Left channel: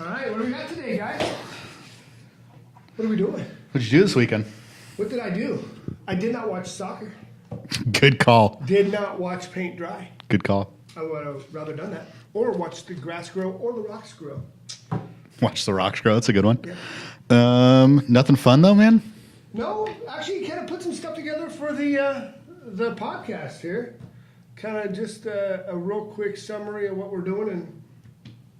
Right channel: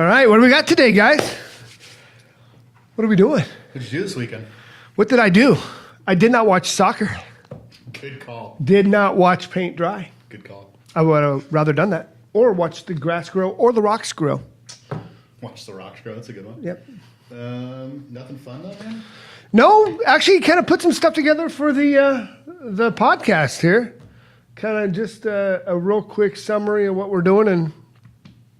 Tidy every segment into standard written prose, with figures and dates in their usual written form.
All right, what do we got today, guys? What are we doing? What'd you do this weekend? What did I do? I did not watch soccer. Good call. Did not watch paint dry. Good call. I would have rather done that. Or watch the grass grow or the rocks grow. Watch the rocks grow. That's a good one. Yep. Nothing fun though, man. No, actually, kind of put some stuff together for the podcast here. Kind of just a real quick summary of what we're doing and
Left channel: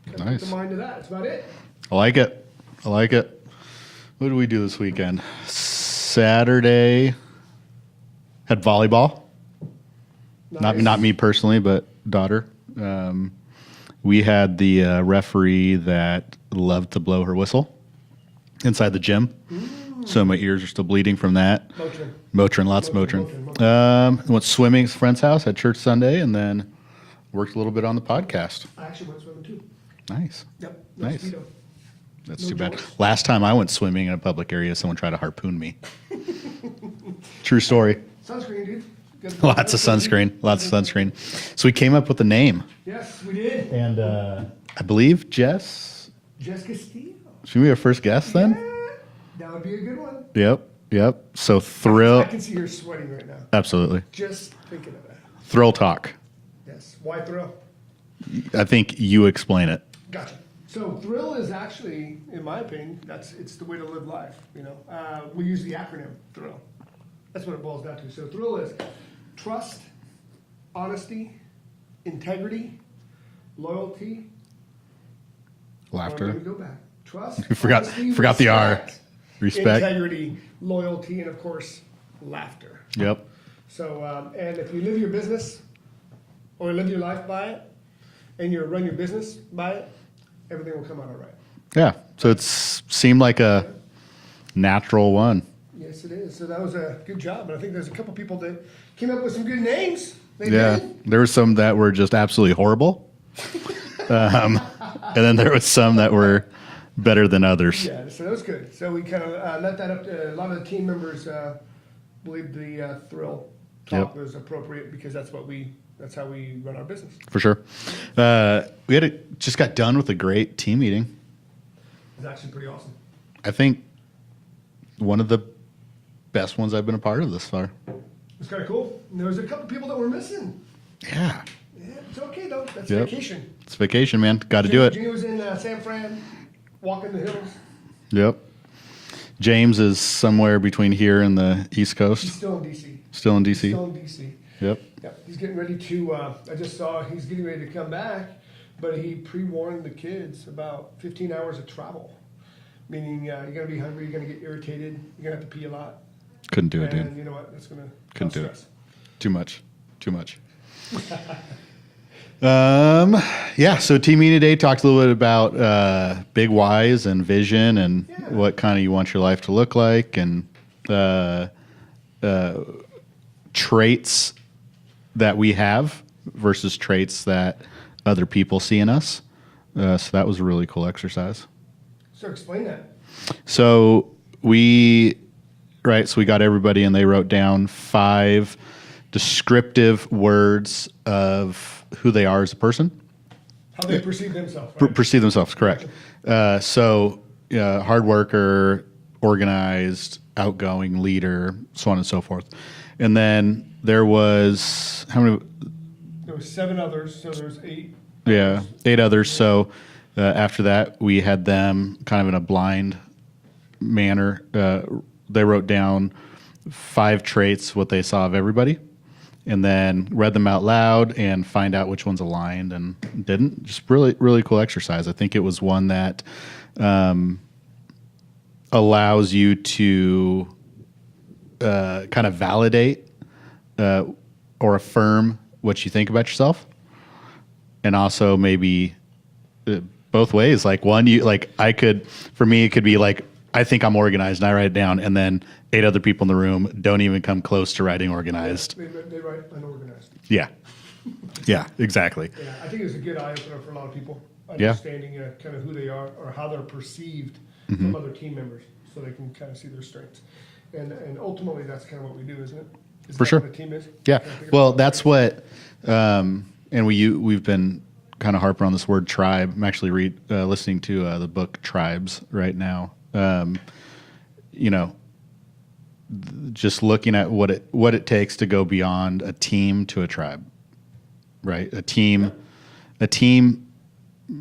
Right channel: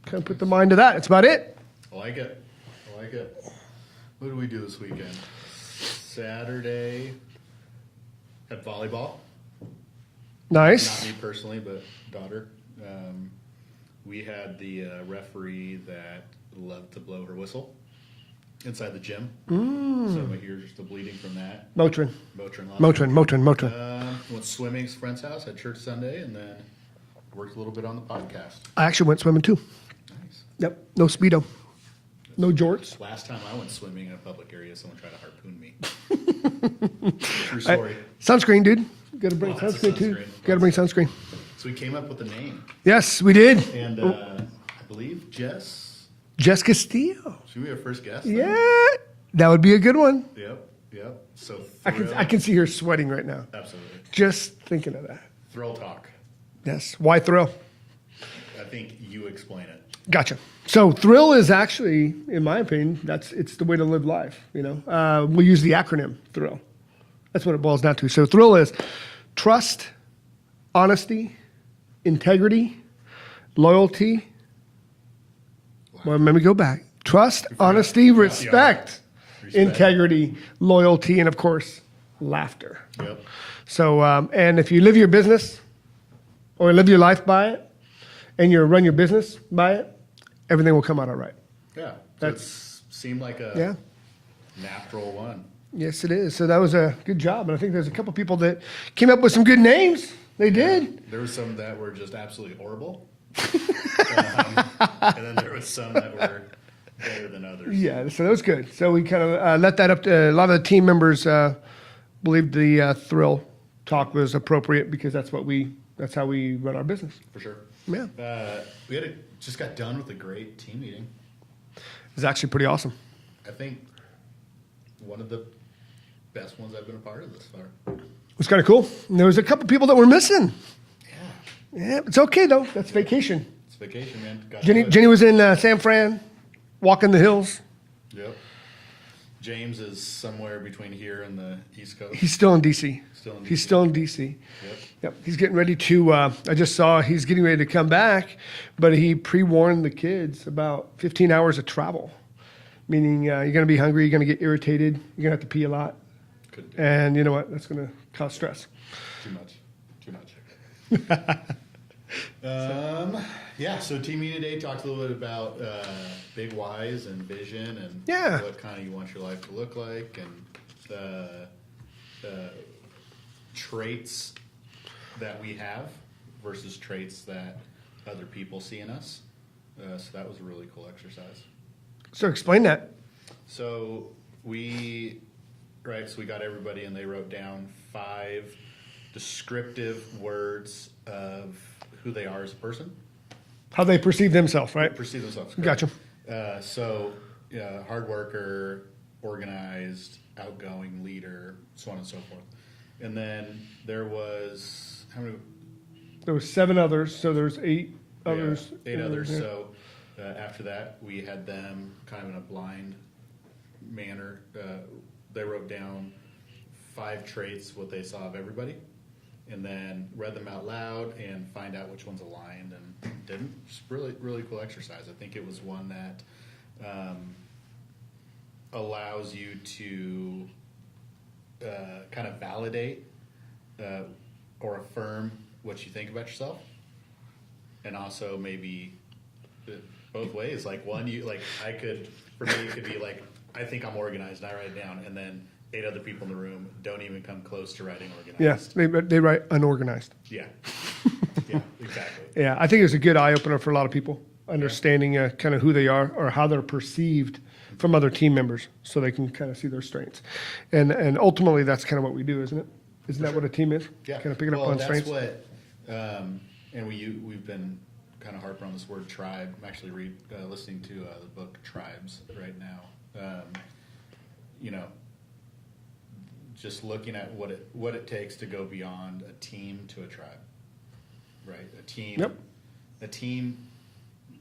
kind of put the mind to that. That's about it. I like it. What did we do this weekend? Saturday had volleyball. Nice. Not me personally, but daughter. We had the referee that loved to blow her whistle inside the gym. So my ears are still bleeding from that. Motrin. Lots of Motrin. Motrin. Went swimming at a friend's house at church Sunday, and then worked a little bit on the podcast. I actually went swimming too. Nice. Yep. No Nice. Speedo. That's No too bad. jorts. Last time I went swimming in a public area, someone tried to harpoon me. True story. Sunscreen, dude. Gotta bring Lots of sunscreen. Lots of bring sunscreen. So we came up with a name, Yes, we did. and I believe Jess. Jess Castillo. Should we be our first guest then? Yeah, that would be a good one. Yep. So Thrill. I can see her sweating right now. Absolutely. Just thinking of that. Thrill Talk. Yes. Why Thrill? I think you explain it. Gotcha. So Thrill is actually, in my opinion, it's the way to live life. You know, we use the acronym Thrill. That's what it boils down to. So Thrill is trust, honesty, integrity, loyalty. Laughter. Well, let me go back. Trust, forgot- honesty, forgot the R. respect, Respect. integrity, loyalty, and of course, laughter. Yep. So, and if you live your business or live your life by it, and you run your business by it, everything will come out all right. Yeah. So it seemed like a natural one. Yes, it is. So that was a good job. And I think there's a couple people that came up with some good names. They did. There were some that were just absolutely horrible. And then there was some that were better than others. Yeah, so that was good. So we kind of let that up to a lot of the team members believed the Thrill Talk Yep. was appropriate because that's how we run our business. For sure. We just got done with a great team meeting. It's actually pretty awesome. I think one of the best ones I've been a part of this far. It was kind of cool. And there was a couple people that were missing. Yeah. Yeah, it's okay though. That's Yep. vacation. It's vacation, man. Got to do it. Jenny was in San Fran, walking the hills. Yep. James is somewhere between here and the East Coast. He's still in D.C. Still in He's DC. still in D.C. Yep. Yep. He's getting ready to, I just saw he's getting ready to come back, but he pre-warned the kids about 15 hours of travel, meaning you're going to be hungry, you're going to get irritated, you're going to have to pee a lot. Couldn't do it. And you know what? That's going to cause do it. stress. Too much. So team meeting today talked a little bit about big whys and vision and Yeah. what kind of you want your life to look like and traits that we have versus traits that other people see in us. So that was a really cool exercise. So explain that. So we got everybody and they wrote down 5 descriptive words of who they are as a person. How they perceive themselves, right? Perceive themselves, correct. Gotcha. Hard worker, organized, outgoing, leader, so on and so forth. And then there was, how many? There was 7 others, so there's 8 Yeah, others. 8 others. So after that, we had them kind of in a blind manner. They wrote down 5 traits, what they saw of everybody, and then read them out loud and find out which ones aligned and didn't. Just really, really cool exercise. I think it was one that allows you to kind of validate or affirm what you think about yourself, and also maybe both ways. Like one, for me, it could be like, I think I'm organized and I write it down, and then 8 other people in the room don't even come close to writing organized. Yes, they write unorganized. Yeah. Yeah, exactly. Yeah, I think it was a good eye opener for a lot of people, understanding kind of who they are or how they're perceived from other team members, so they can kind of see their strengths. And ultimately, that's kind of what we do, isn't it? Isn't For that sure. what a team is? Yeah. Kind of picking up Well, on that's strengths. what, and we've been kind of harping on this word tribe. I'm actually listening to the book Tribes right now. You know, just looking at what it takes to go beyond a team to a tribe, right? A team,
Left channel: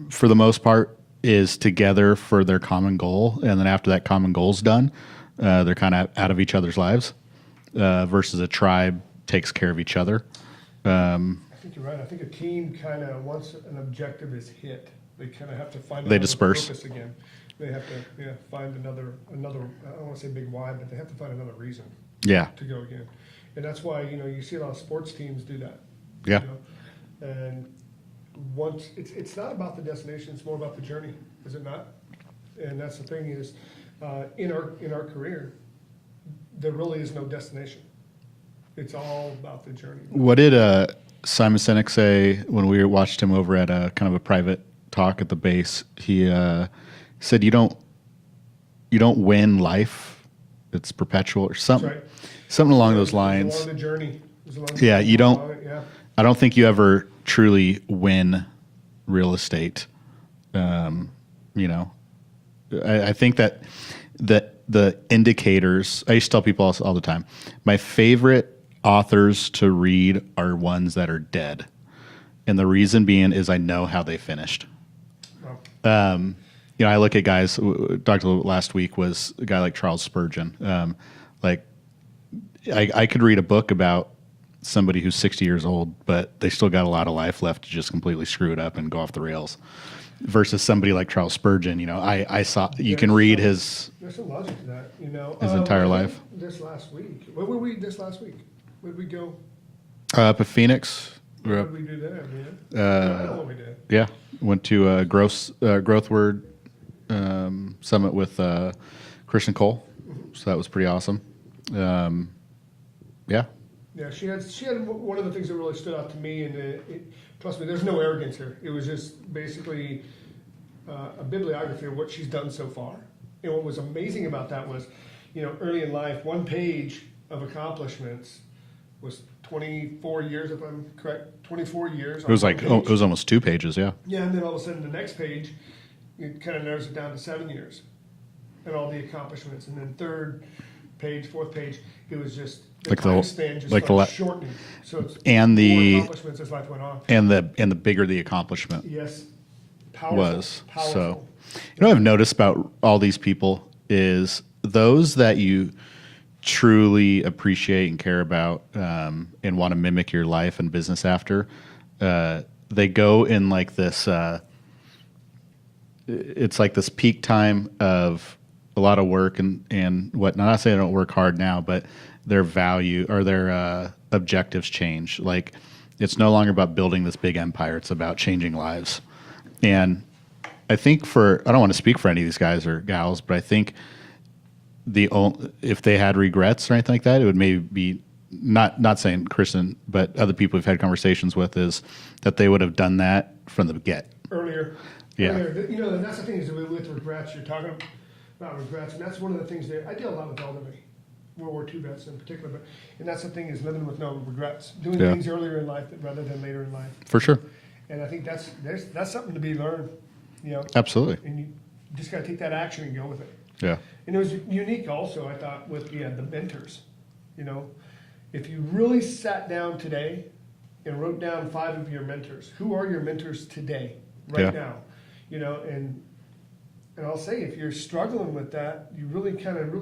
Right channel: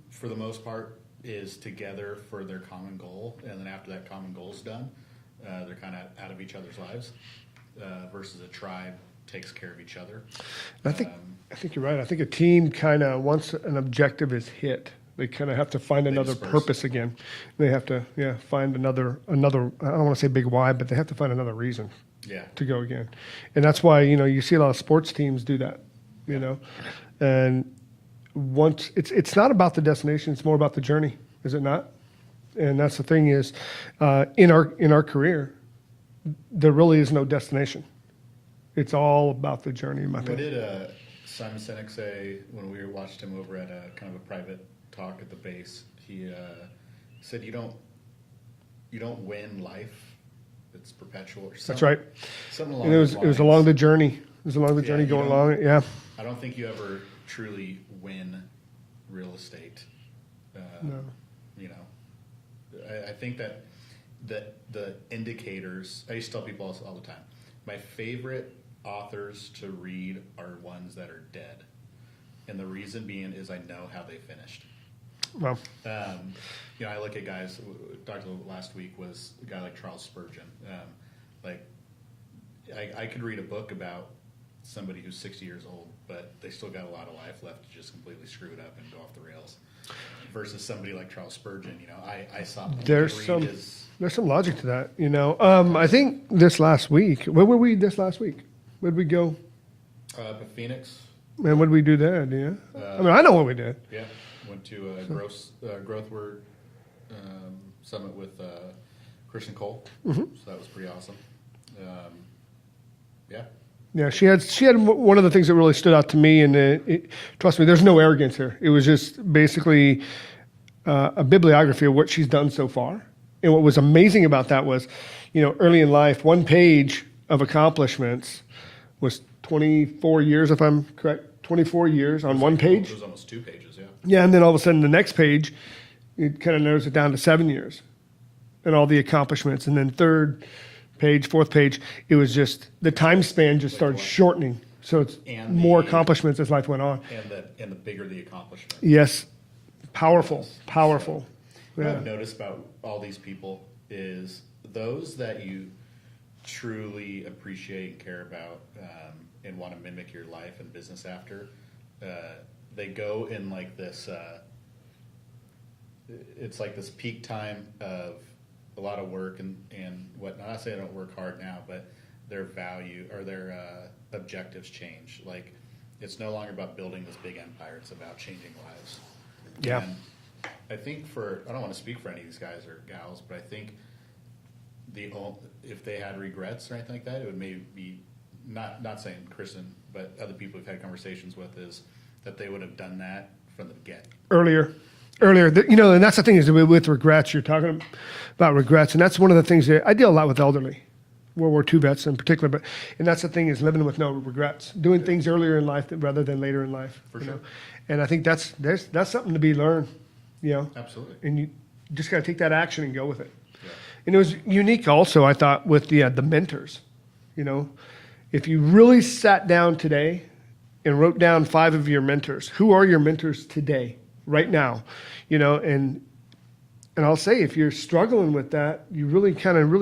for the most part, is together for their common goal, and then after that common goal's done, they're kind of out of each other's lives. Versus a tribe takes care of each other. I think you're right. I think a team kind of, once an objective is hit, they kind of have to find another disperse. purpose again. They have to, find another. I don't want to say big why, but they have to find another reason Yeah. to go again. And that's why, you see a lot of sports teams do that. Yeah. And once it's not about the destination, it's more about the journey, is it not? And that's the thing is, in our career, there really is no destination. It's all about the journey. What did Simon Sinek say when we watched him over at a kind of a private talk at the base? He said, "You don't win life; it's perpetual, or something." That's right. Something along those It lines. was along the journey. It was along the journey. You going don't. along it, yeah. I don't think you ever truly win real estate. I think that the indicators. I used to tell people all the time. My favorite authors to read are ones that are dead, and the reason being is I know how they finished. Well, I look at guys. Talked a little last week was a guy like Charles Spurgeon. I could read a book about somebody who's 60 years old, but they still got a lot of life left to just completely screw it up and go off the rails. Versus somebody like Charles Spurgeon, I saw you can read his. There's some logic to that, entire I think life. this last week. Where were we this last week? Where'd we go? Up at Phoenix. And what did we do there? Yeah, I know what we did. Yeah, went to a growth word summit with Christian Cole, so that was pretty awesome. Yeah, Yeah, she had one of the things that really stood out to me, and trust me, there's no arrogance here. It was just basically a bibliography of what she's done so far. And what was amazing about that was, early in life, one page of accomplishments was 24 years, if I'm correct. 24 years on one page. it was almost 2 pages. Yeah, Yeah, and then all of a sudden, the next page, it kind of narrows it down to 7 years, and all the accomplishments. And then third page, fourth page, it was just the Like the time whole- span just like the started la- shortening. So it's And more the- accomplishments as life went on. and the bigger the accomplishment Yes, powerful, was. powerful. So, what I've noticed about all these people is those that you truly appreciate and care about and want to mimic your life and business after, they go in like this. It's like this peak time of a lot of work and whatnot. Not saying they don't work hard now, but their value or their objectives change. Like it's no longer about building this big empire. It's about changing lives. And I think I don't want to speak for any of these guys or gals, but I think if they had regrets or anything like that, it would maybe be not saying Kristen, but other people we've had conversations with is that they would have done that from the get. Earlier. Yeah. And that's the thing is with regrets, you're talking about regrets. And that's one of the things that I deal a lot with elderly, World War II vets in particular. And that's the thing is living with no regrets, doing Yeah. things earlier in life rather than later in life. For sure. And I think that's something to be learned, Absolutely. and you just got to take that action and go with it. Yeah. And it was unique also, I thought, with the mentors. If you really sat down today and wrote down 5 of your mentors, who are your mentors today, right Yeah. now? And I'll say, if you're struggling with that, you really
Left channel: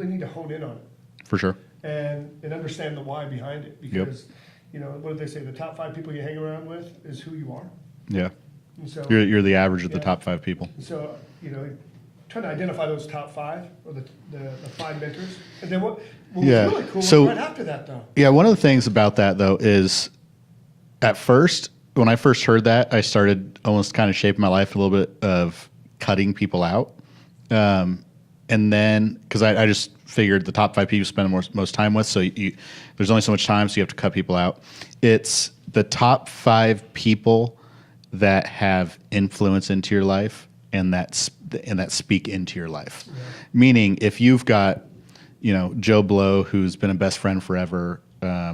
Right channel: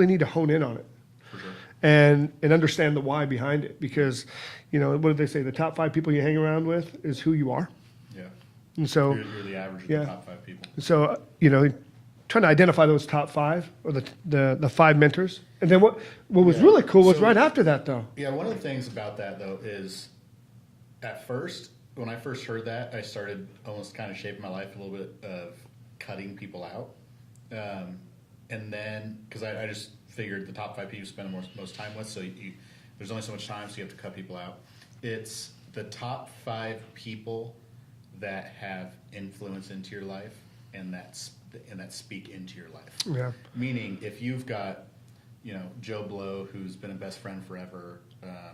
need to hone in on it For sure. and understand the why behind it. Because, what did they say? The top 5 people you hang around with is who you are. Yeah. And so, You're the average of the Yeah. top 5 people. So, trying to identify those top 5 or the 5 mentors. And then what was Yeah. really cool was So- right after that, though. Yeah, one of the things about that though is at first, when I first heard that, I started almost kind of shaping my life a little bit of cutting people out. And then, because I just figured the top 5 people you spend most time with, so there's only so much time, so you have to cut people out. It's the top 5 people that have influence into your life and that speak into your life. Yeah. Meaning, if you've got, Joe Blow, who's been a best friend forever,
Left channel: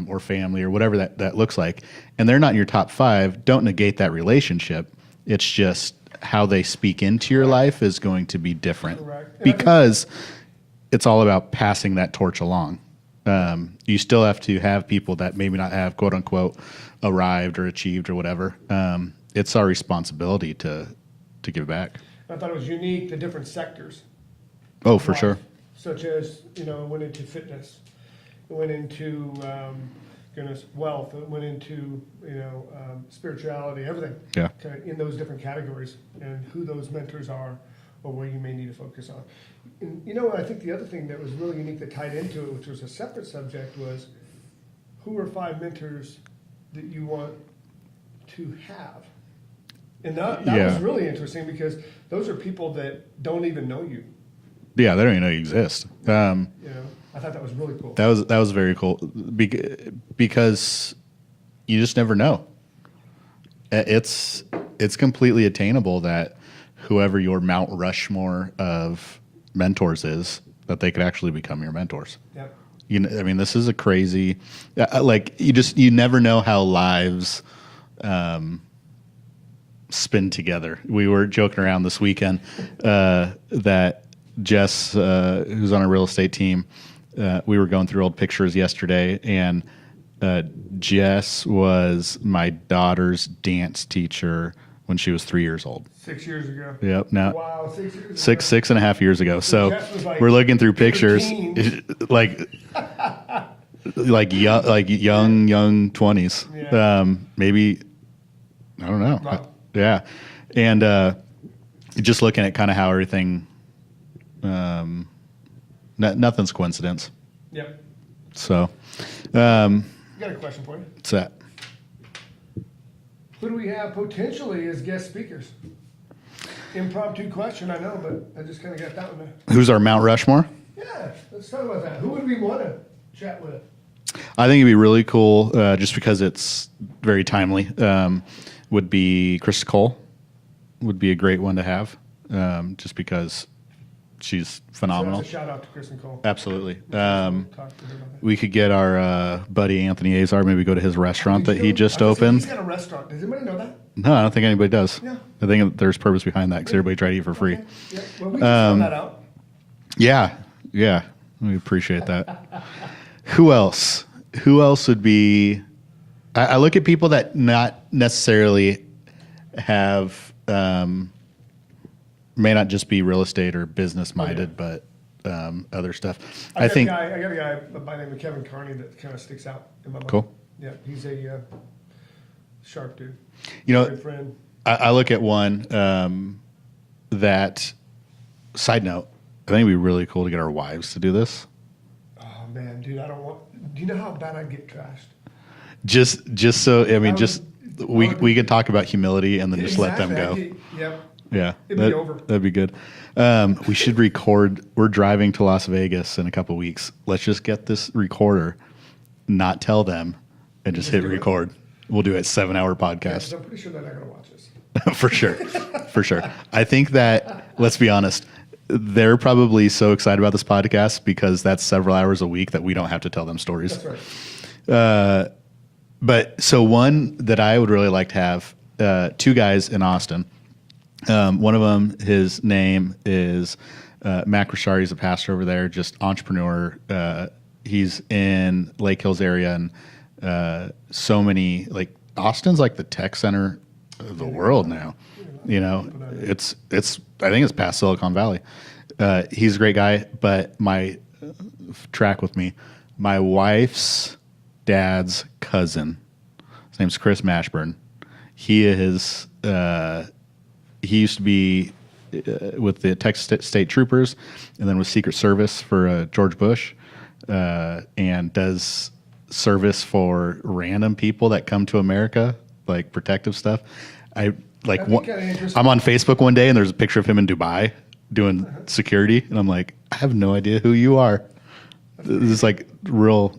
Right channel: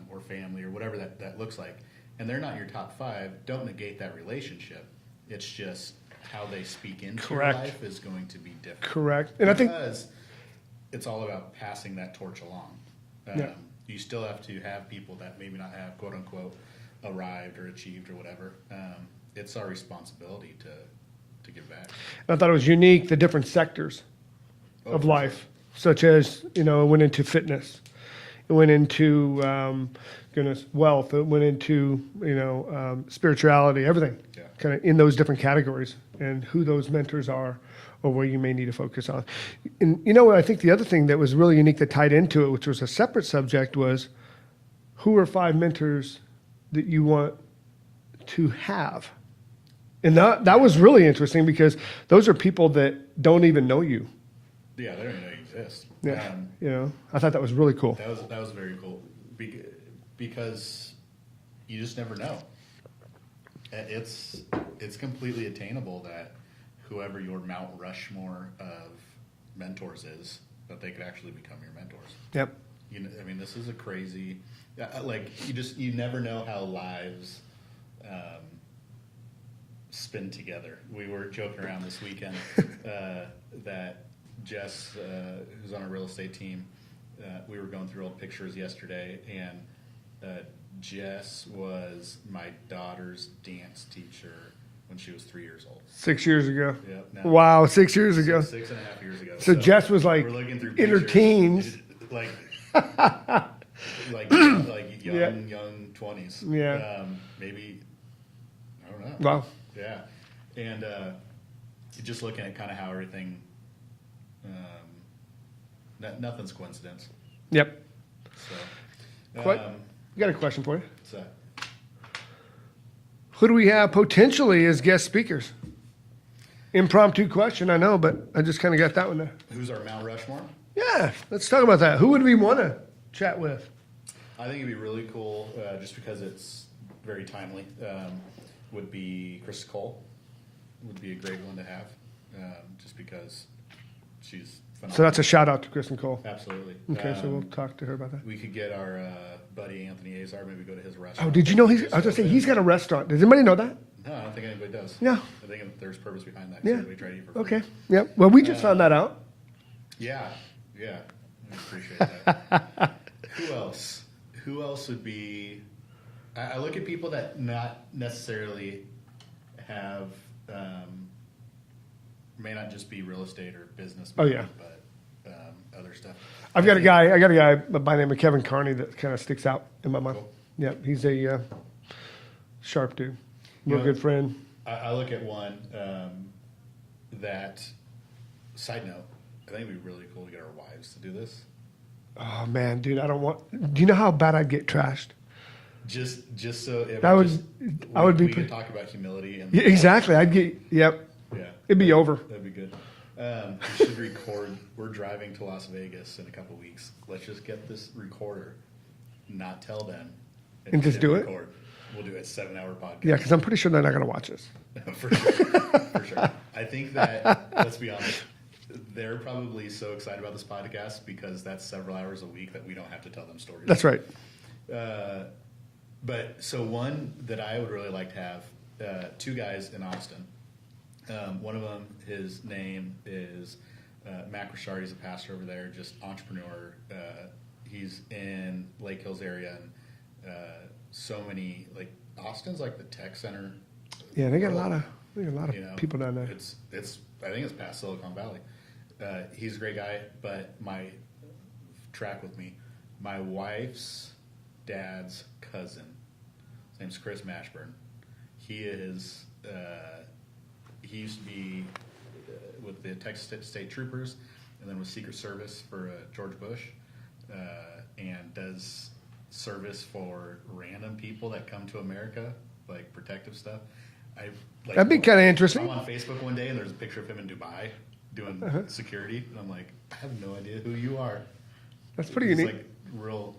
or family, or whatever that looks like, and they're not in your top 5, don't negate that relationship. It's just how they speak into your Correct. life is going to be different. Correct. And I think- Because it's all about passing that torch along. You still have to have people that maybe not have quote unquote arrived or achieved or whatever. It's our responsibility to give back. I thought it was unique, the different sectors. Oh, of for life, sure. Such as, it went into fitness. It went into, wealth. It went into, spirituality, everything. Yeah. Kind of in those different categories and who those mentors are or where you may need to focus on. And, I think the other thing that was really unique that tied into it, which was a separate subject, was who are 5 mentors that you want to have? And that was Yeah. really interesting because those are people that don't even know you. Yeah, they don't even know you exist. I thought that was really cool. That was very cool because you just never know. It's completely attainable that whoever your Mount Rushmore of mentors is, that they could actually become your mentors. Yep. This is a crazy, you never know how lives spin together. We were joking around this weekend that Jess, who's on a real estate team, we were going through old pictures yesterday, and Jess was my daughter's dance teacher when she was 3 years old. 6 years ago. Yep. Now, Wow, 6 years ago. 6.5 years ago. So Jess was like we're looking through in her pictures, teens. like young 20s. Yeah. Maybe, I don't know. Wow. Yeah. And just looking at kind of how everything, nothing's coincidence. Yep. So, Got a question for you. what's that? Who do we have potentially as guest speakers? Impromptu question, I know, but I just kind of got that one there. Who's our Mount Rushmore? Yeah, let's talk about that. Who would we want to chat with? I think it'd be really cool, just because it's very timely. Would be Krista Cole. Would be a great one to have, just because she's So phenomenal. that's a shout out to Kristen Cole. Absolutely. Okay, so we'll talk to her about that. We could get our buddy Anthony Azar, maybe go to his restaurant Did you that know he just I was gonna say, opened. He's got a restaurant. Does anybody know that? No, I don't think anybody does. Yeah. I think there's purpose behind that because Yeah. everybody tried to eat for free. Okay. Yep. Well, we just found that out. Yeah. We appreciate that. Who else? Who else would be? I look at people that not necessarily have, may not just be real estate or business minded, but other stuff. I got a guy by the name of Kevin Carney that kind of sticks out in my mind. Cool. Yeah, he's a sharp dude. You know, good friend. I look at one that, side note, I think it'd be really cool to get our wives to do this. Oh man, dude, I don't want. Do you know how bad I'd get trashed? Just so, That would be- we could talk about humility and then just Exactly. let them I'd go. get. Yep. Yeah. It'd be over. That'd be good. We should record. We're driving to Las Vegas in a couple weeks. Let's just get this recorder, not tell them, and just hit do it? record. We'll do a 7-hour Yeah, podcast. because I'm pretty sure they're not going to watch us. For sure. For sure. I think that, let's be honest, they're probably so excited about this podcast because that's several hours a week that we don't have to tell them stories. That's right. But so one that I would really like to have, 2 guys in Austin. One of them, his name is Mac Rashard. He's a pastor over there, just entrepreneur. He's in Lake Hills area, and so many, like, Austin's like the tech center of the Yeah, they got a world lot of- now. they got a lot of You know, people down there. it's I think it's past Silicon Valley. He's a great guy, but track with me. My wife's dad's cousin, his name's Chris Mashburn. He is. He used to be with the Texas State Troopers, and then with Secret Service for George Bush, and does service for random people that come to America, like protective stuff. That'd be kinda interesting. I'm on Facebook one day, and there's a picture of him in Dubai doing security, and I'm like, I have no idea who you are. pretty This is neat. like real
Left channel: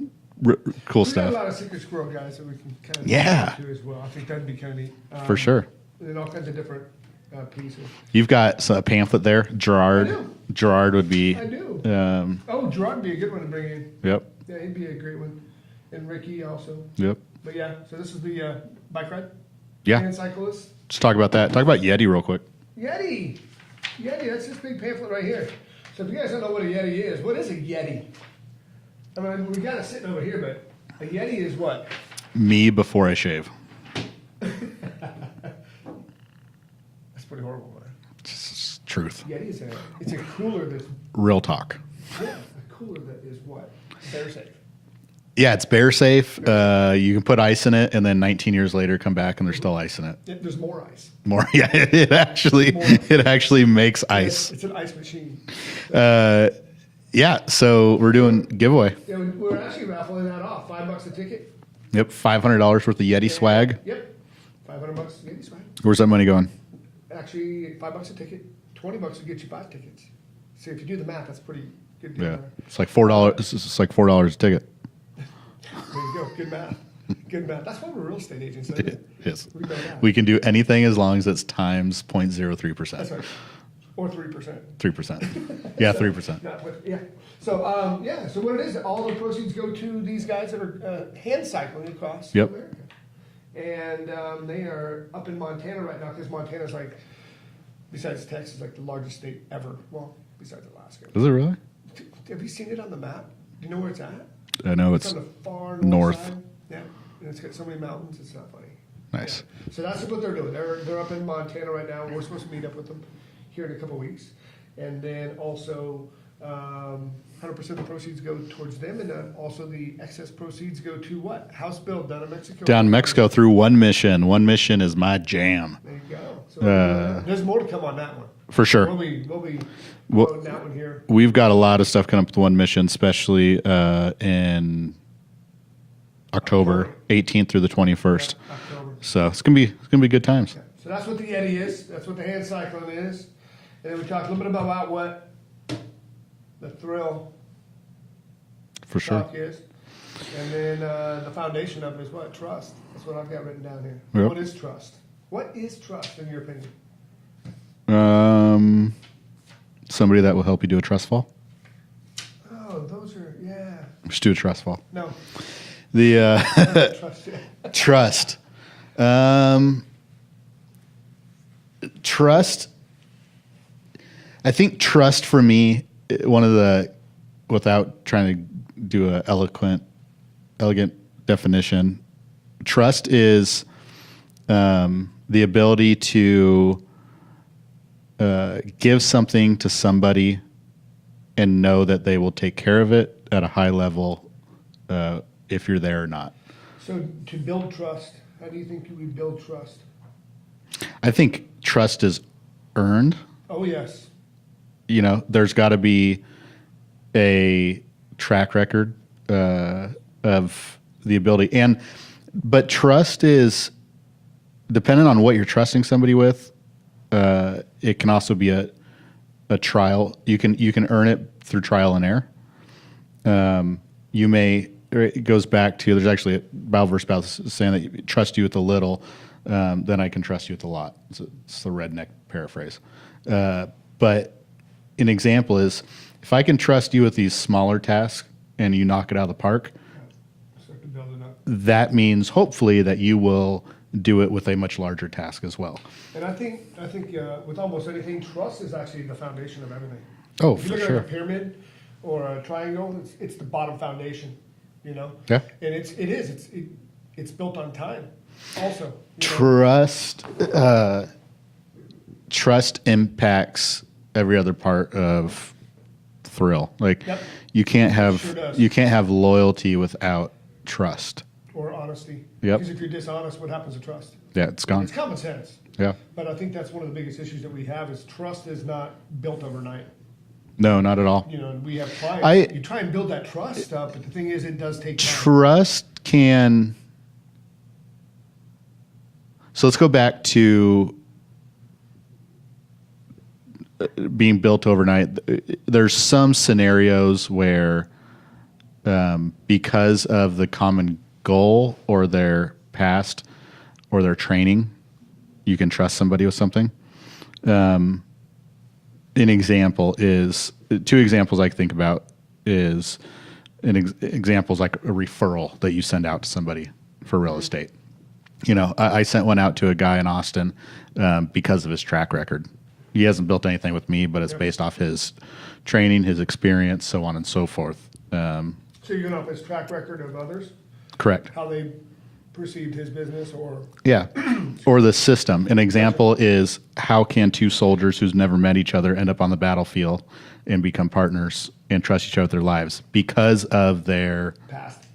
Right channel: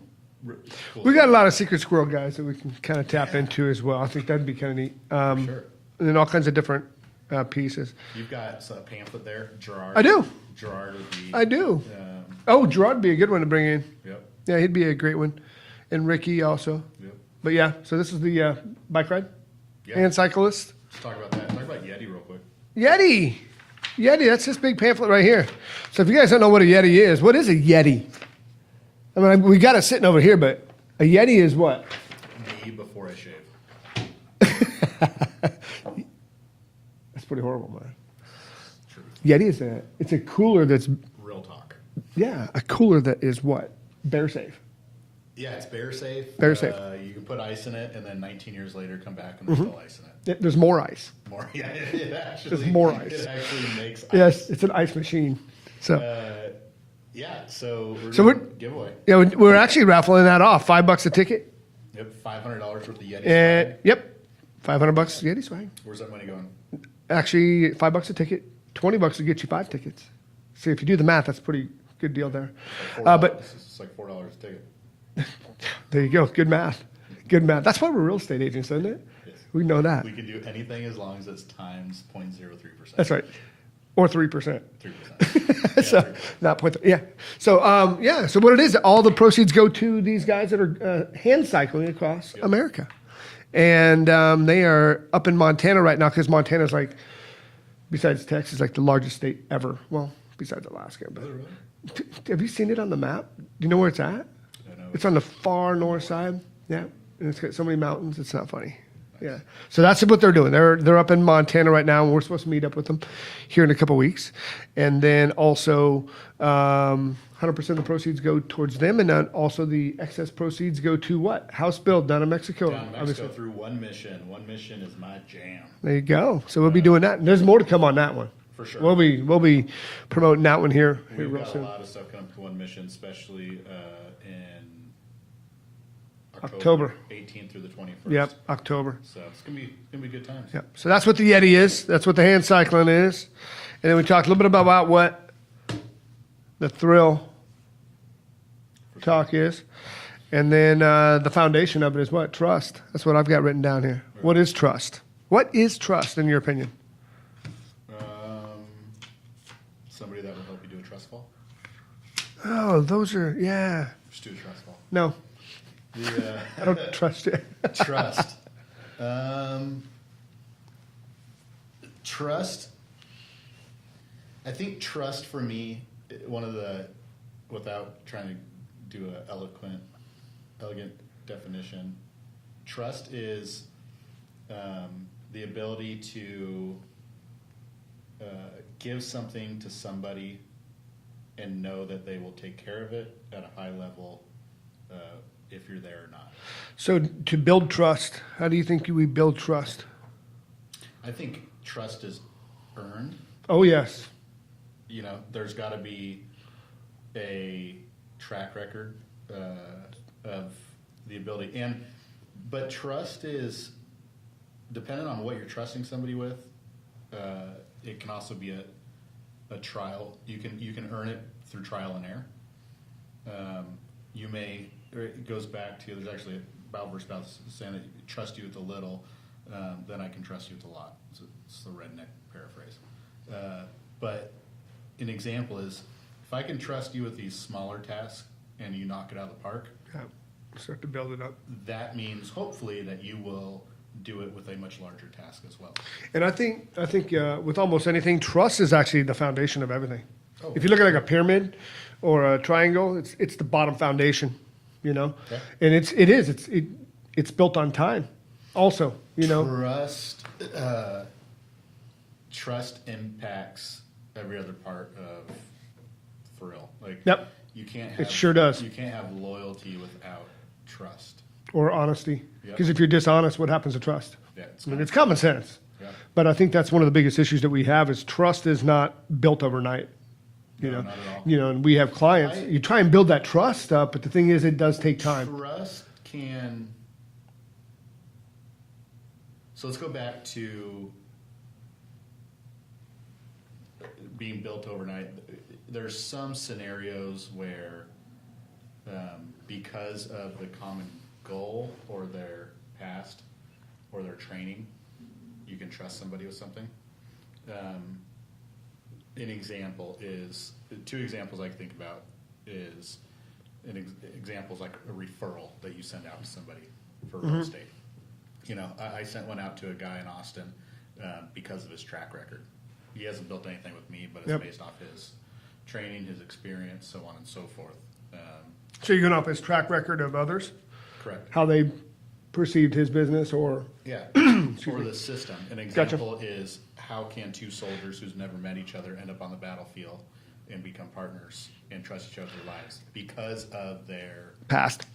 cool We stuff. got a lot of secret squirrel guys that we can kind of tap Yeah. into as well. I think that'd be kind of neat. For sure. And then all kinds of different pieces. You've got a pamphlet there, Gerard. I do. Gerard would be. I do. Um, Oh, Gerard would be a good one to bring in. yep. Yeah, he'd be a great one. And Ricky also. Yep. But yeah, so this is the bike ride. Yeah. And cyclist. Let's talk about that. Talk about Yeti real quick. Yeti. Yeti, that's this big pamphlet right here. So if you guys don't know what a Yeti is, what is a Yeti? I mean, we got it sitting over here, but a Yeti is what? Me before I shave. That's pretty horrible, man. It's truth. Yeti is it's a cooler that's, Real talk. yeah, a cooler that is what? Bear safe. Yeah, it's bear safe. Bear safe. You can put ice in it, and then 19 years later, come back and there's still ice in it. There's more ice. More, yeah. It actually, More ice. it actually makes Yes, ice. it's an ice machine. So, Yeah. So we're doing giveaway. yeah, we're actually raffling that off. $5 a ticket. Yep, $500 worth of Yeti And- swag. Yep. $500 Yeti swag. Where's that money going? Actually, $5 a ticket. $20 will get you 5 tickets. See, if you do the math, that's a pretty good deal there. It's like $4. but- It's like $4 a ticket. There you go. Good math. Good math. That's why we're real estate agents, isn't it? Yes. We know that. We can do anything as long as it's times 0.03%. That's right. Or 3%. 3%. Yeah, 3%. Not point. Yeah. So yeah. So what it is, all the proceeds go to these guys that are hand cycling across Yep. America, and they are up in Montana right now because Montana's like, besides Texas, like the largest state ever. Well, besides Alaska. Is it really? Have you seen it on the map? Do you know where it's at? I know It's it's on the far north north. side. Yeah, and it's got so many mountains. It's not funny. Nice. Yeah. So that's what they're doing. They're up in Montana right now, and we're supposed to meet up with them here in a couple weeks. And then also, 100% of the proceeds go towards them, and then also the excess proceeds go to what? House build down in Mexico. down in Mexico through One Mission. One Mission is my jam. There you go. So we'll be doing that. And there's more to come on that one. For sure. We'll be promoting that one here. We've got a lot of stuff coming up with One Mission, especially in October 18th through the 21st. Yep, October. So it's gonna be good times. Yeah. So that's what the Yeti is. That's what the hand cycling is. And then we talked a little bit about what the thrill For sure. talk is. And then the foundation of it is what? Trust. That's what I've got written down here. Yep. What is trust? What is trust in your opinion? Somebody that will help you do a trust fall. Oh, those are, yeah. Just do a trust fall. No, The I don't trust you. trust. Trust. I think trust for me, one of the, without trying to do a elegant definition, trust is the ability to give something to somebody and know that they will take care of it at a high level if you're there or not. So to build trust, how do you think we build trust? I think trust is earned. Oh, yes. You know, there's got to be a track record of the ability, but trust is dependent on what you're trusting somebody with. It can also be a trial. You can earn it through trial and error. It goes back to, there's actually a Bible verse about saying that you trust you with a little, then I can trust you with a lot. It's the redneck paraphrase. But an example is, if I can trust you with these smaller tasks and you knock it out of the park, Start to build it up. that means hopefully that you will do it with a much larger task as well. And I think with almost anything, trust is actually the foundation of everything. Oh, if you look for at like sure. a pyramid or a triangle, it's the bottom foundation, you know. Yeah. And it's built on time, also. You know. Trust impacts every other part of thrill. Like Yep. you can't have sure does. you can't have loyalty without trust. Or honesty. Yep. Because if you're dishonest, what happens to trust? Yeah, it's gone. It's common sense. Yeah. But I think that's one of the biggest issues that we have is trust is not built overnight. No, not at all. You know, and we have clients. You try and build that trust up, but the thing is, it does take time. Trust can. So let's go back to being built overnight. There's some scenarios where, because of the common goal or their past or their training, you can trust somebody with something. An example is, two examples I think about is examples like a referral that you send out to somebody for real estate. I sent one out to a guy in Austin because of his track record. He hasn't built anything with me, but it's based off his training, his experience, so on and so forth. So you're going off his track record of others, Correct. how they perceived his business, or Yeah. Or the system. An example is, how can two soldiers who's never met each other end up on the battlefield and become partners and trust each other with their lives? Because of their past,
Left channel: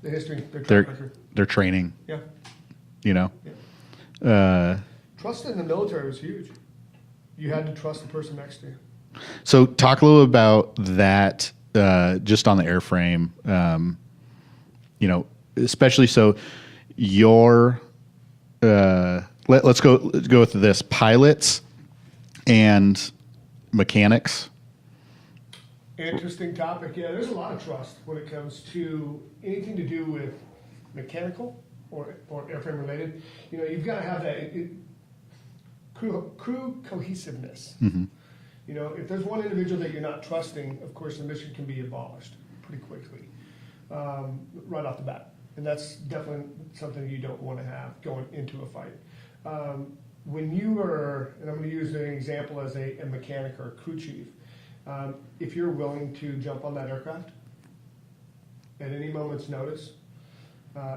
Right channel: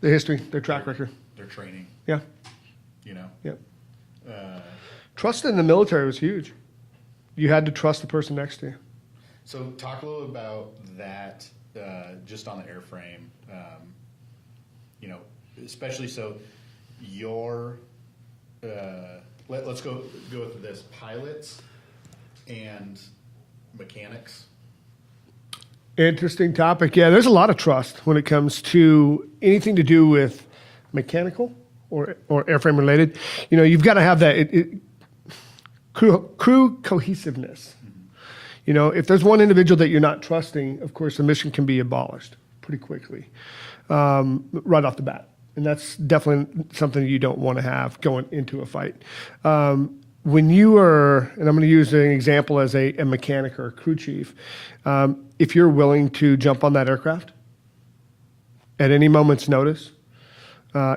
the history, their track record. their training, Yeah, you know? yeah. Trust in the military was huge. You had to trust the person next to you. So talk a little about that, just on the airframe, especially so your, let's go with this, pilots and mechanics. Interesting topic. Yeah, there's a lot of trust when it comes to anything to do with mechanical or airframe related. You've got to have that crew cohesiveness. If there's one individual that you're not trusting, of course, the mission can be abolished pretty quickly, right off the bat. And that's definitely something you don't want to have going into a fight. When you are, and I'm going to use an example as a mechanic or a crew chief, if you're willing to jump on that aircraft at any moment's notice,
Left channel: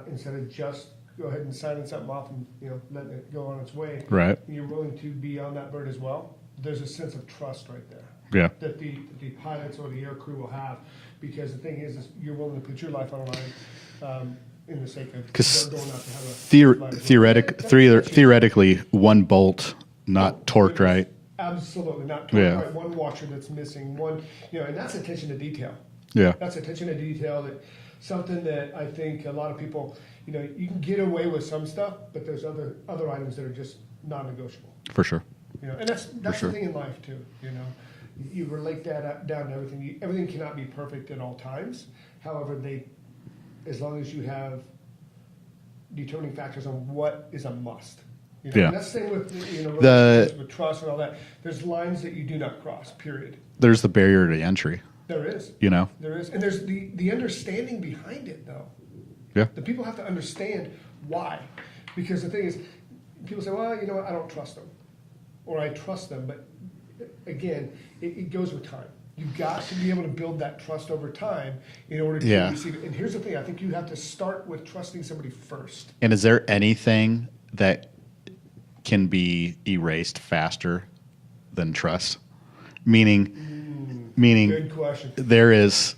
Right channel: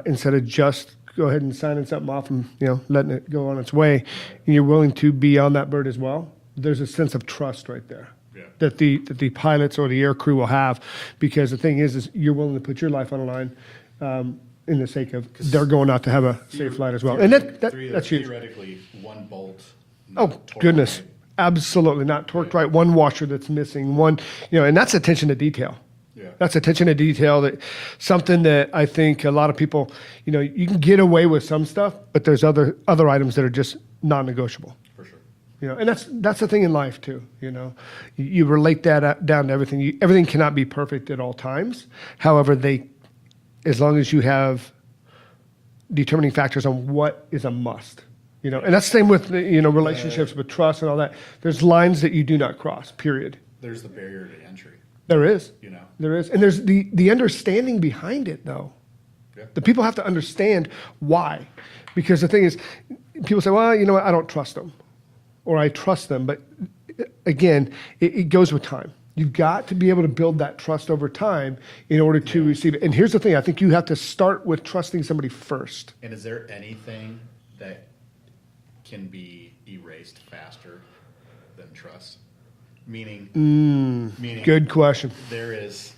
instead of just go ahead and signing something off and letting it go on its way, Right. and you're willing to be on that bird as well, there's a sense of trust right there. Yeah. That the pilots or the air crew will have, because the thing is you're willing to put your life on the line in the sake of they're going out to have a safe flight as well. And that's huge. Theoretically, one bolt not torqued Goodness, right. Absolutely not torqued Yeah. right. One washer that's missing. One, and that's attention to detail. Yeah. That's attention to detail. That something that I think a lot of people, you can get away with some stuff, but there's other items that are just non-negotiable. For sure. And that's the thing in life too. You relate that down to everything. Everything cannot be perfect at all times. However, as long as you have determining factors on what is a must. Yeah. And that's the same with relationships, with trust and all that. There's lines that you do not cross. Period. There's the barrier to entry, There is. There is, and there's the understanding behind it though. Yeah. The people have to understand why, because the thing is, people say, well, I don't trust them, or I trust them, but again, it goes with time. You've got to be able to build that trust over time in order to receive it. And here's the thing, I think you have to start with trusting somebody first. And is there anything that can be erased faster than trust? Meaning, Good question. there is.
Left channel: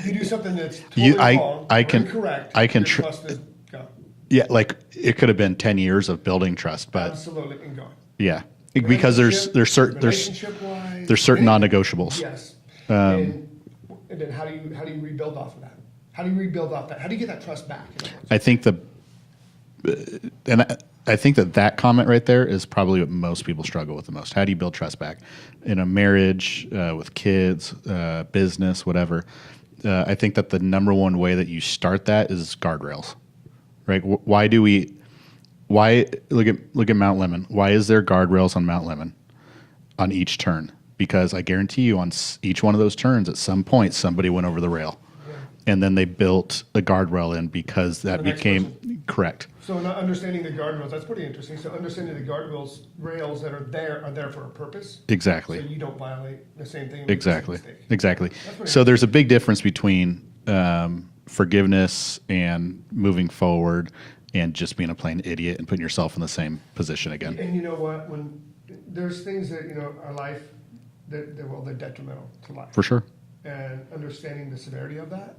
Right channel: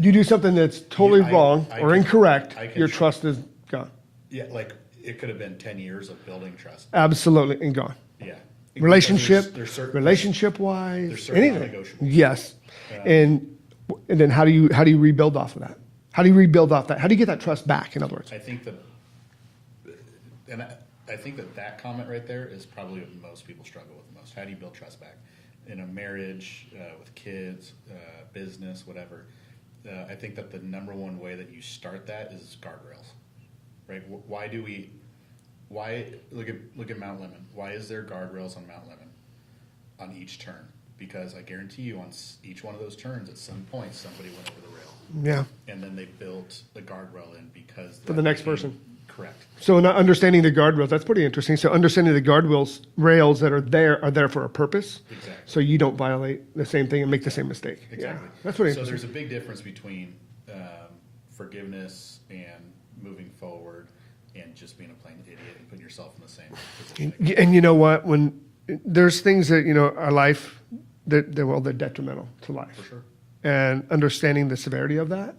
You do something that's totally wrong or incorrect, your trust is gone. Yeah, like it could have been 10 years of building trust. But Absolutely, and gone. yeah, because there's certain relationship-wise, there's certain anything. non-negotiables. Yes, and then how do you rebuild off of that? How do you rebuild off that? How do you get that trust back? In other words, I think I think that comment right there is probably what most people struggle with the most. How do you build trust back in a marriage, with kids, business, whatever? I think that the number one way that you start that is guardrails, right? Why look at Mount Lemmon? Why is there guardrails on Mount Lemmon on each turn? Because I guarantee you on each one of those turns, at some point, somebody went over the rail. yeah. And then they built a guardrail in because that the next became person. correct. So not understanding the guardrails, that's pretty interesting. So understanding the guardrails rails that are there for a purpose. Exactly. So you don't violate the same thing and make the same mistake. Exactly. Yeah. That's pretty So there's a big difference between forgiveness and moving forward and just being a plain idiot and putting yourself in the same position again. And you know what? When there's things that, our life, they're detrimental to life. For sure. And understanding the severity of that,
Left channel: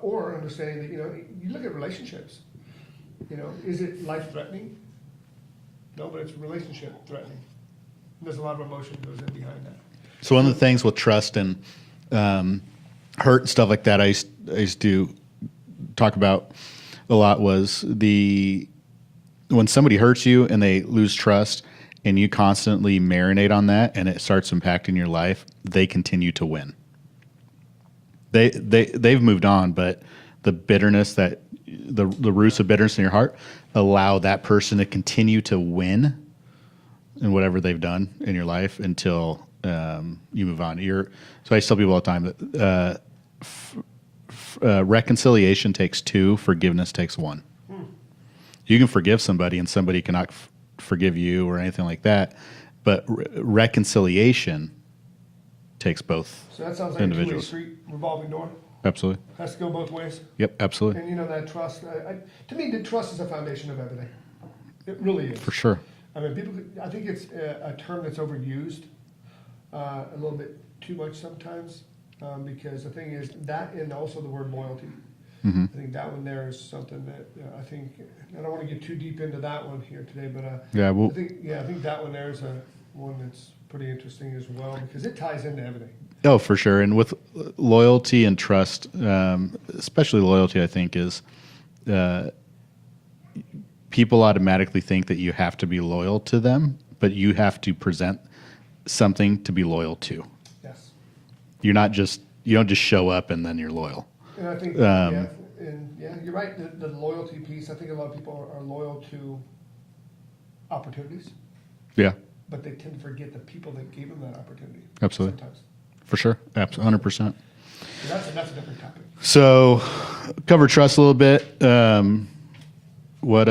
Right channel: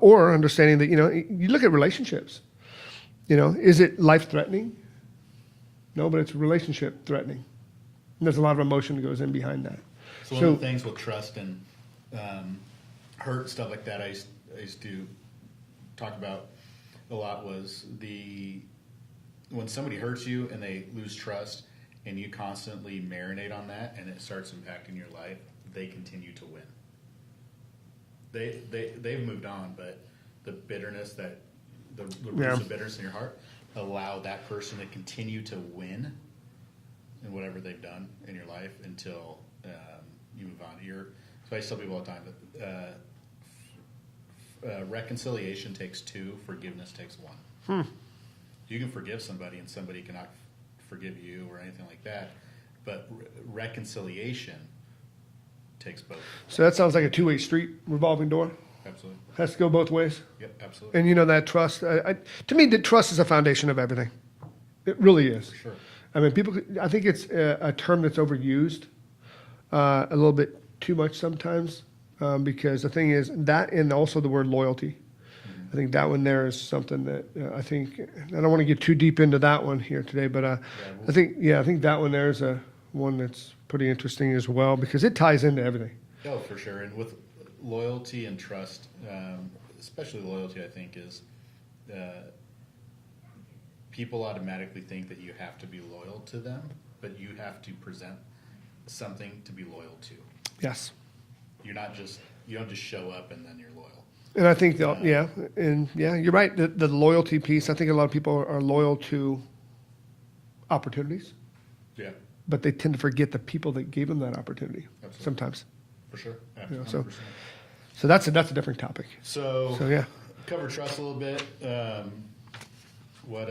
or understanding that, you look at relationships, is it life-threatening? No, but it's relationship threatening. And there's a lot of emotion that goes in behind that. So one of the things with trust and hurt and stuff like that, I used to talk about a lot was when somebody hurts you and they lose trust and you constantly marinate on that and it starts impacting your life, they continue to win. They've moved on, but the bitterness that the roots of bitterness in your heart allow that person to continue to win in whatever they've done in your life until you move on. So I tell people all the time that reconciliation takes two, forgiveness takes one. You can forgive somebody, and somebody cannot forgive you or anything like that. But reconciliation takes both. So that sounds like a two-way Individuals. street, revolving door. Absolutely. Has to go both ways. Yep. Absolutely. And you know that trust. To me, the trust is the foundation of everything. It really is. For sure. I mean, people. I think it's a term that's overused a little bit too much sometimes, because the thing is that, and also the word loyalty. Mm-hmm. I think that one there is something that I think. I don't want to get too deep into that one here today, but Yeah, I think that one there is a one that's pretty interesting as well because it ties into everything. Oh, for sure. And with loyalty and trust, especially loyalty, I think is people automatically think that you have to be loyal to them, but you have to present something to be loyal to. Yes. You don't just show up and then you're loyal. And I think that, you're right. The loyalty piece. I think a lot of people are loyal to opportunities, Yeah, but they tend to forget the people that gave them that opportunity. Absolutely. Sometimes. for sure. Absolutely. 100%. So that's a different topic. So, yeah. cover trust a little bit. With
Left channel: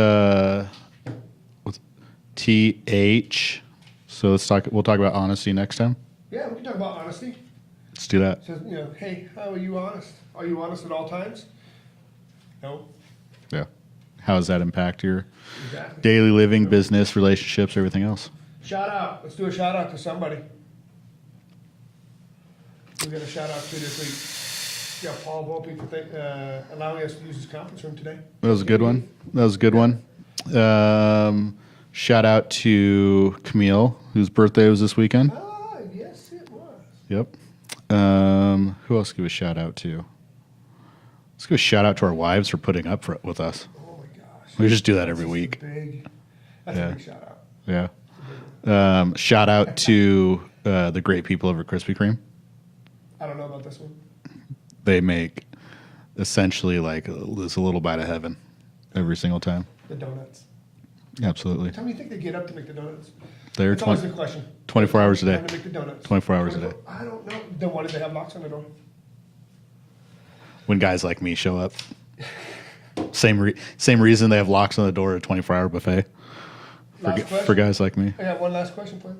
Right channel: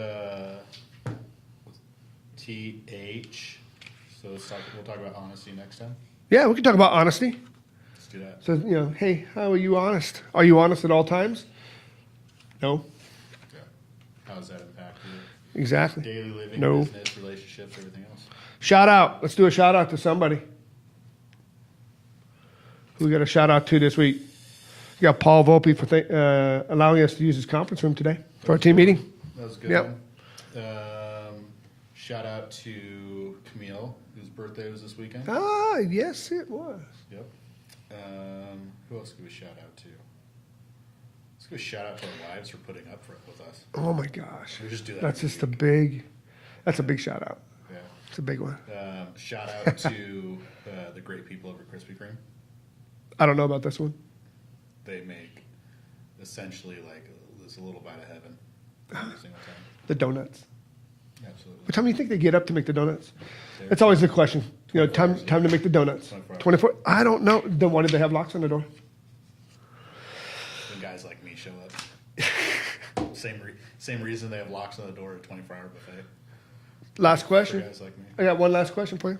TH. So we'll talk about honesty next time. Yeah, we can talk about honesty. Let's do that. So hey, how are you honest? Are you honest at all times? No. Yeah. How does that impact your Exactly. daily living, No. business, relationships, everything else? Shout out. Let's do a shout out to somebody. Who we got a shout out to this week? We got Paul Volpe for allowing us to use his conference room today That for was our a team good meeting. one. That was a good Yeah. one. Shout out to Camille, whose birthday was this weekend. Ah, yes, it was. Yep. Who else give a shout out to? Let's give a shout out to our wives for putting up with us. Oh my gosh. We just do that That's every just week. That's a Yeah. big shout out. Yeah. It's a big one. Shout out to the great people over at Krispy Kreme. I don't know about this one. They make essentially like this a little bite of heaven every single time. The donuts. Absolutely. What time do you think they get up to make the donuts? They're That's always the question. 24 Time- hours a day. Time to make the donuts. 24 hours a day. I don't know. Then why did they have locks on the door? When guys like me show up. Same reason they have locks on the door at a 24-hour buffet. Last For question. guys like me. I got one last question for you.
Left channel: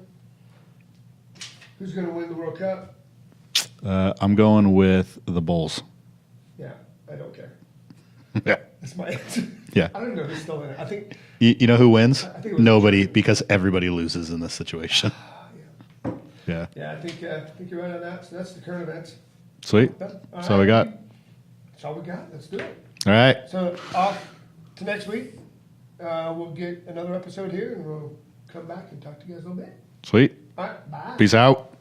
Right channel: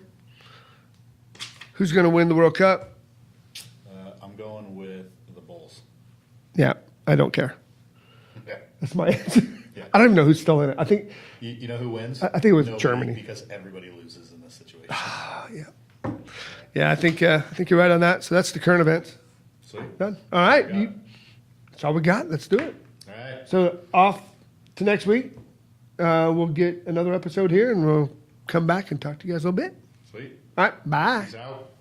Who's going to win the World Cup? I'm going with the Bulls. Yeah, I don't care. Yeah. That's my answer. Yeah. I don't even know who's still in it. I think. You know who wins? I think it was nobody, Germany. because everybody loses in this situation. Yeah. Yeah. Yeah, I think you're right on that. So that's the current events. Sweet. Done. That's all we got. That's all we got. Let's do it. All right. So off to next week. We'll get another episode here, and we'll come back and talk to you guys a little bit. Sweet. All right. Bye. Peace out.